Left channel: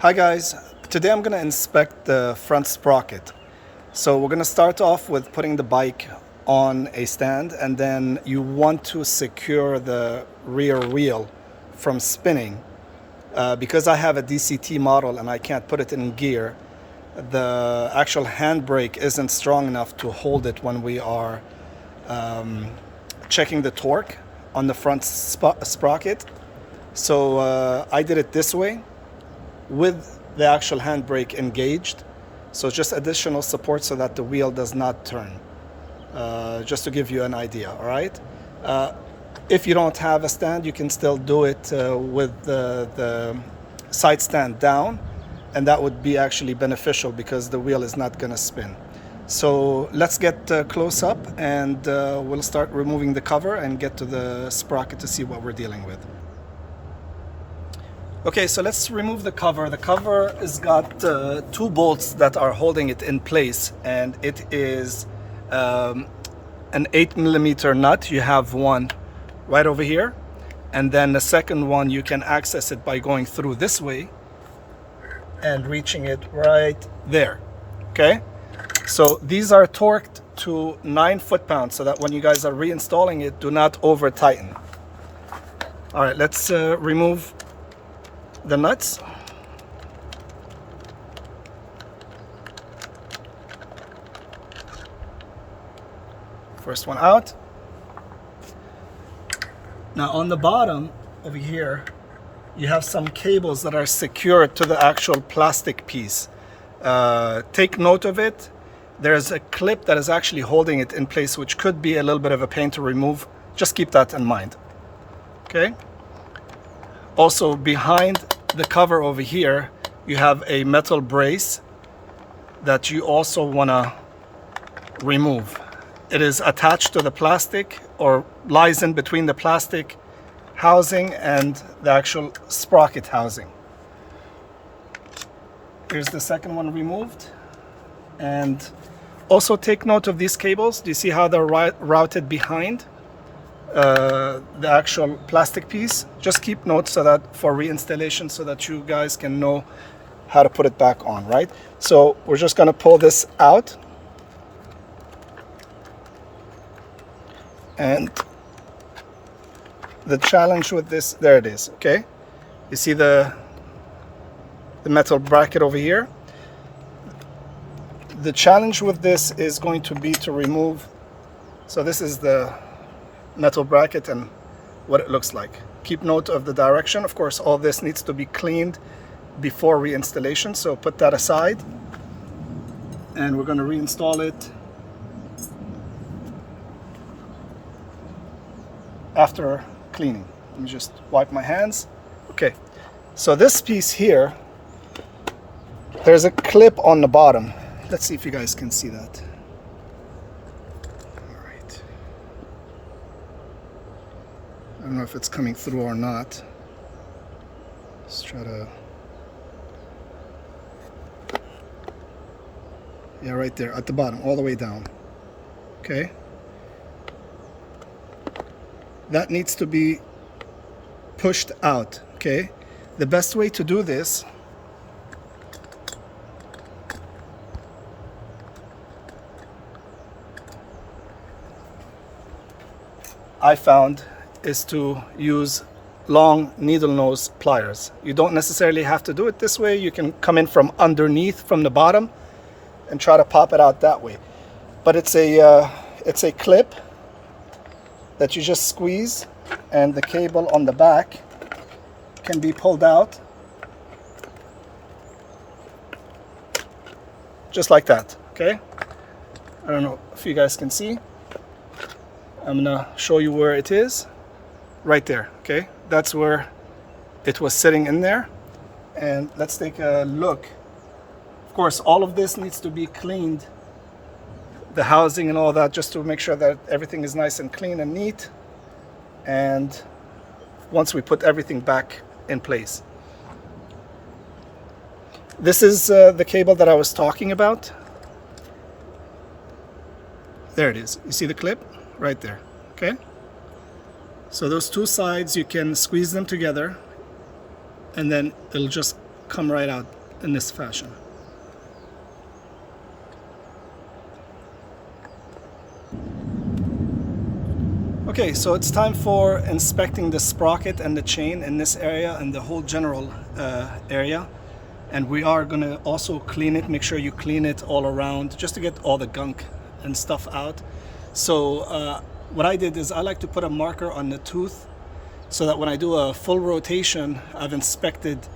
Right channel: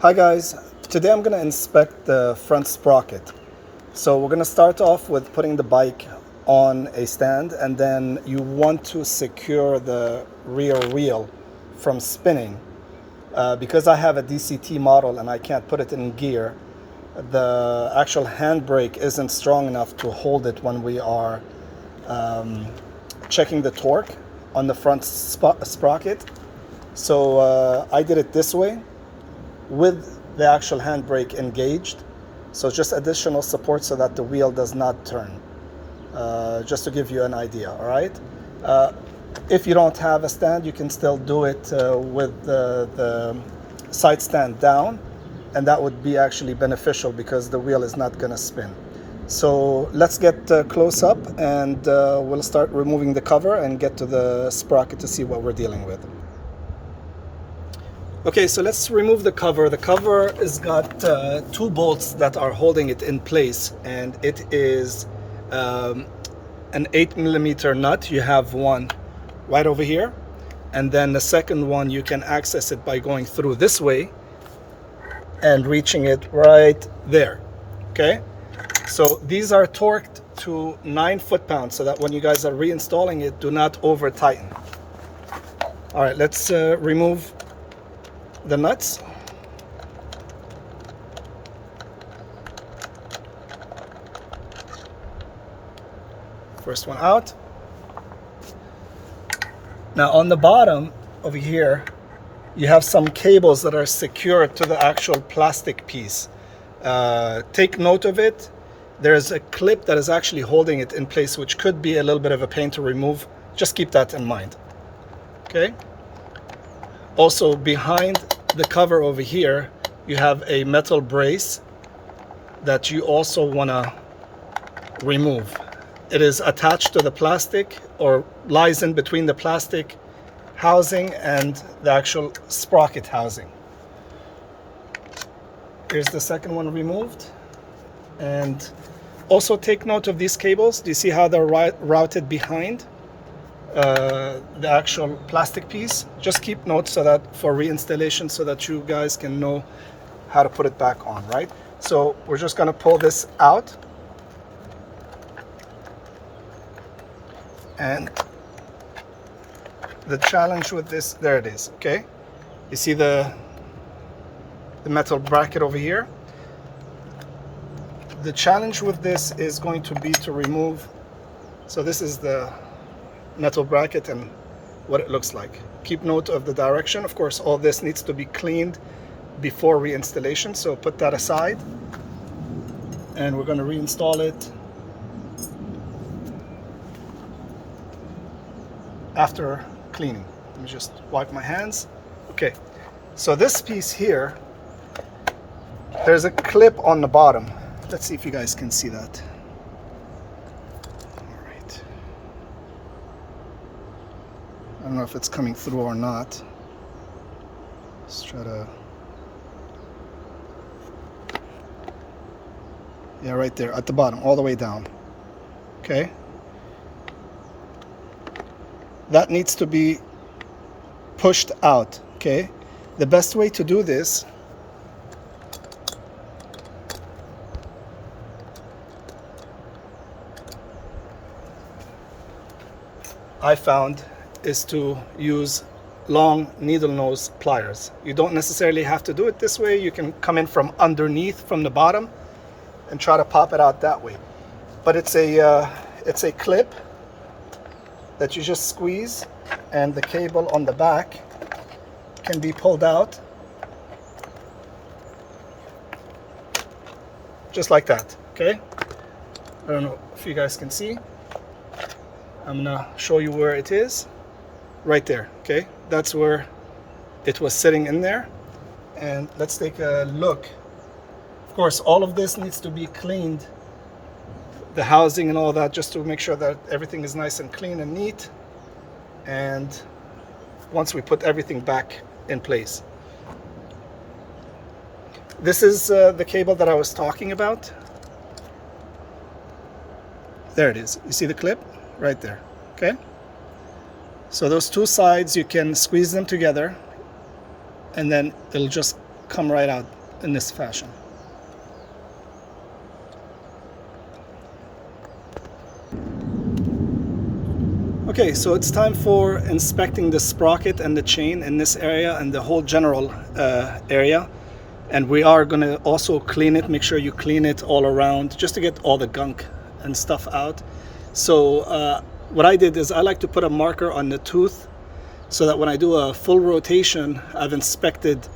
Hi guys, today I'm going to inspect the front sprocket. So we're going to start off with putting the bike on a stand, and then you want to secure the rear wheel from spinning. Because I have a DCT model and I can't put it in gear, the actual handbrake isn't strong enough to hold it when we are checking the torque on the front sprocket. So I did it this way, with the actual handbrake engaged, so just additional support so that the wheel does not turn, just to give you an idea. All right, if you don't have a stand, you can still do it with the side stand down, and that would be actually beneficial because the wheel is not going to spin. So let's get close up, and we'll start removing the cover and get to the sprocket to see what we're dealing with. Okay, so let's remove the cover. The cover has got two bolts that are holding it in place, and it is an 8mm nut. You have one right over here, and then the second one you can access it by going through this way and reaching it right there. Okay, so these are torqued to 9 foot-pounds so that when you guys are reinstalling it, do not over tighten. All right, let's remove the nuts. First one out. Now on the bottom over here, you have some cables that are secured to the actual plastic piece. Take note of it. There's a clip that is actually holding it in place, which could be a little bit of a pain to remove. Just keep that in mind. Okay. Also, behind the cover over here, you have a metal brace that you also want to remove. It is attached to the plastic, or lies in between the plastic housing and the actual sprocket housing. Here's the second one removed. And also take note of these cables. Do you see how they're routed behind the actual plastic piece? Just keep note so that for reinstallation, so that you guys can know how to put it back on, right? So we're just going to pull this out, and the challenge with this, there it is. Okay, you see the metal bracket over here. The challenge with this is going to be to remove, so this is the metal bracket and what it looks like. Keep note of the direction. Of course, all this needs to be cleaned before reinstallation, so put that aside, and we're going to reinstall it after cleaning. Let me just wipe my hands. Okay, so this piece here, there's a clip on the bottom. Let's see if you guys can see that. I don't know if it's coming through or not. Let's try to... Yeah, right there at the bottom, all the way down. Okay. That needs to be pushed out, okay? The best way to do this I found is to use long needle nose pliers. You don't necessarily have to do it this way. You can come in from underneath, from the bottom, and try to pop it out that way. But it's a clip that you just squeeze, and the cable on the back can be pulled out just like that. Okay, I don't know if you guys can see. I'm gonna show you where it is. Right there. Okay, that's where it was sitting in there. And let's take a look. Of course, all of this needs to be cleaned, the housing and all that, just to make sure that everything is nice and clean and neat. And once we put everything back in place, this is the cable that I was talking about. There it is. You see the clip right there. Okay, so those two sides, you can squeeze them together, and then it'll just come right out in this fashion. Okay, so it's time for inspecting the sprocket and the chain in this area and the whole general area. And we are going to also clean it, make sure you clean it all around just to get all the gunk and stuff out. So what I did is I like to put a marker on the tooth so that when I do a full rotation, I've inspected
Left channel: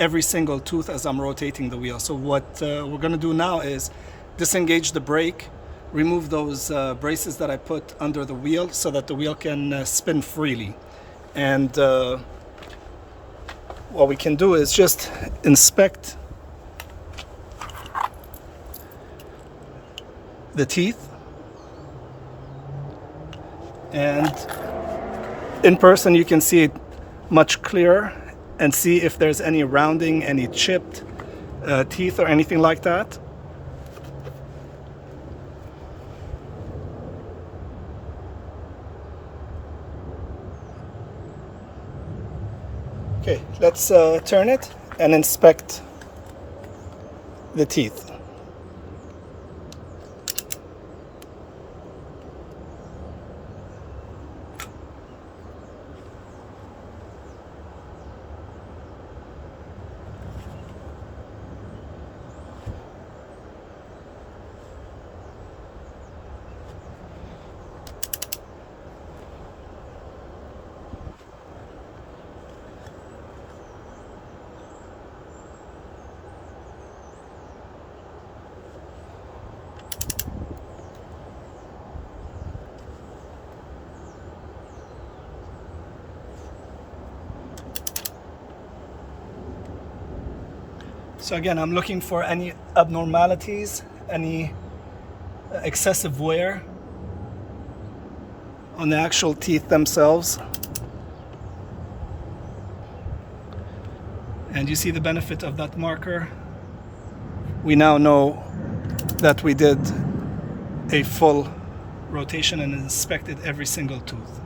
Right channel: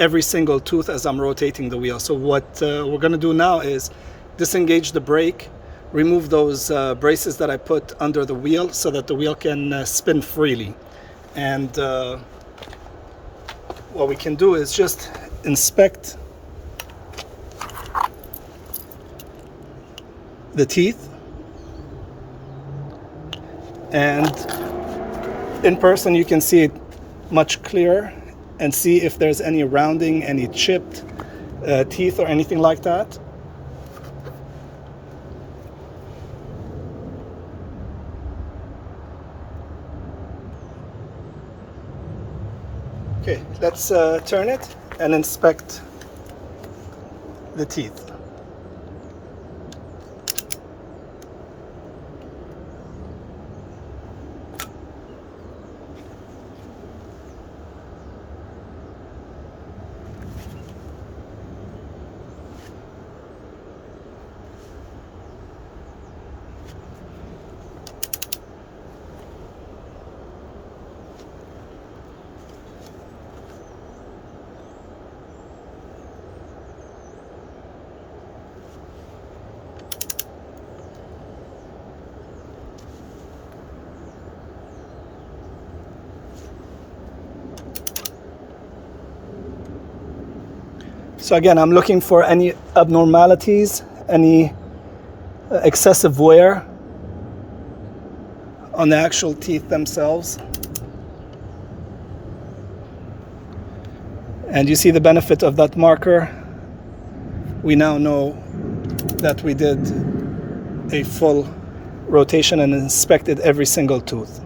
every single tooth as I'm rotating the wheel. So what we're going to do now is disengage the brake, remove those braces that I put under the wheel so that the wheel can spin freely. And what we can do is just inspect the teeth, and in person you can see it much clearer and see if there's any rounding, any chipped teeth or anything like that. Okay, let's turn it and inspect the teeth. So again, I'm looking for any abnormalities, any excessive wear on the actual teeth themselves. And you see the benefit of that marker. We now know that we did a full rotation and inspected every single tooth.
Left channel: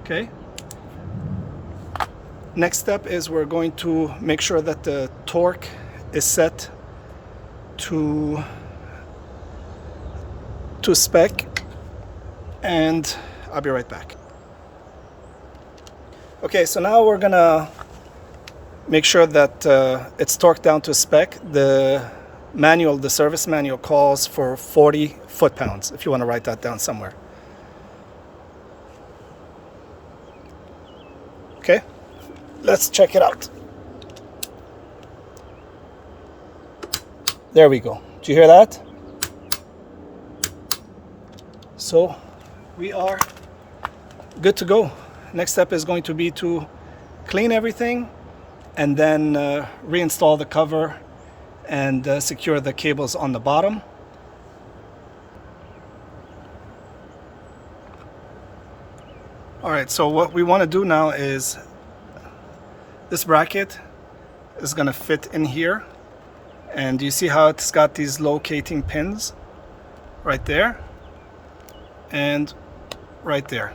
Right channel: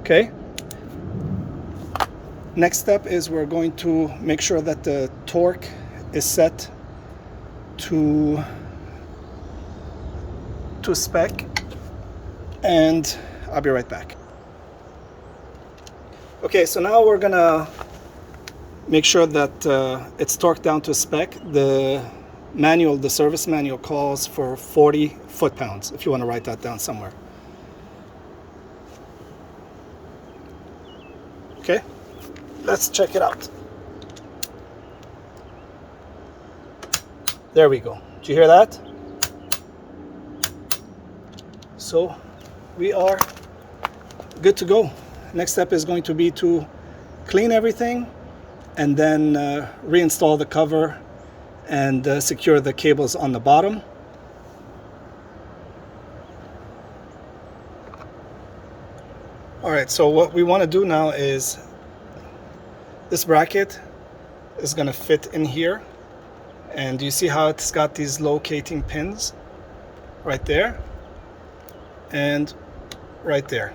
Okay. Next step is we're going to make sure that the torque is set to spec, and I'll be right back. Okay, so now we're gonna make sure that it's torqued down to spec. The manual, the service manual calls for 40 foot-pounds, if you want to write that down somewhere. Okay. Let's check it out. There we go. Did you hear that? So we are good to go. Next step is going to be to clean everything and then reinstall the cover and secure the cables on the bottom. All right, so what we want to do now is this bracket is going to fit in here, and you see how it's got these locating pins right there and right there.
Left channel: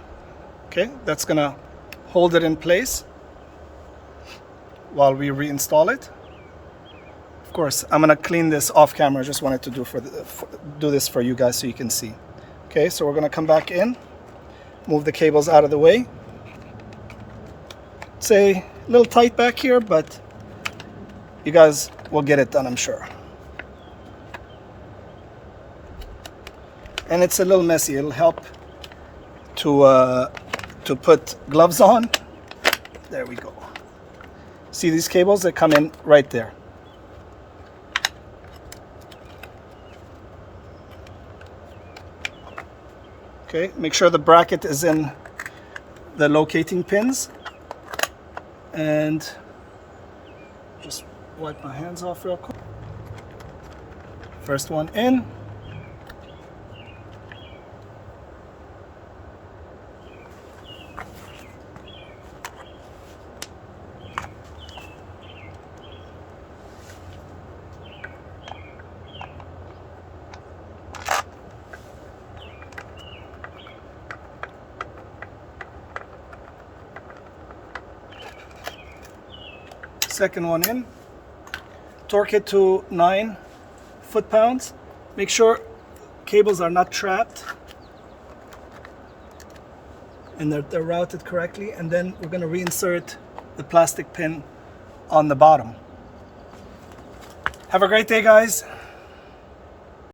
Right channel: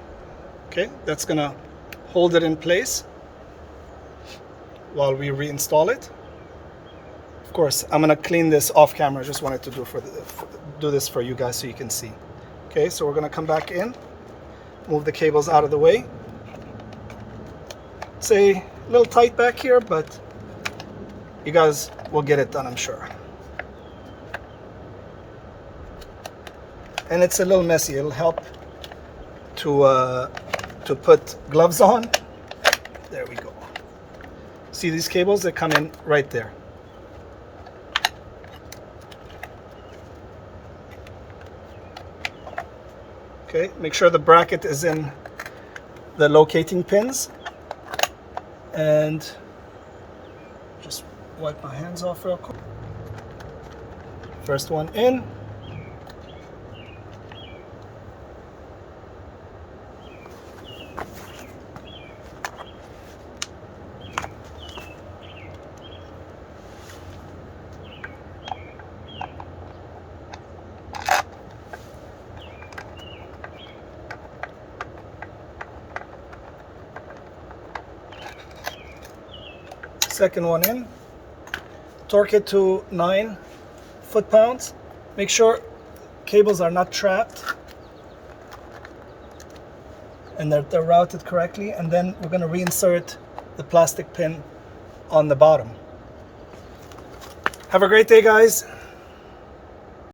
Okay, that's going to hold it in place while we reinstall it. Of course, I'm going to clean this off camera. I just wanted to do this for you guys so you can see. Okay, so we're going to come back in, move the cables out of the way. Say a little tight back here, but you guys will get it done, I'm sure. And it's a little messy. It'll help to put gloves on. There we go. See these cables that come in right there. Okay, make sure the bracket is in the locating pins. And just wipe my hands off real quick. First one in. Second one in. Torque it to 9 foot-pounds. Make sure cables are not trapped and they're routed correctly. And then we're going to reinsert the plastic pin on the bottom. Have a great day, guys.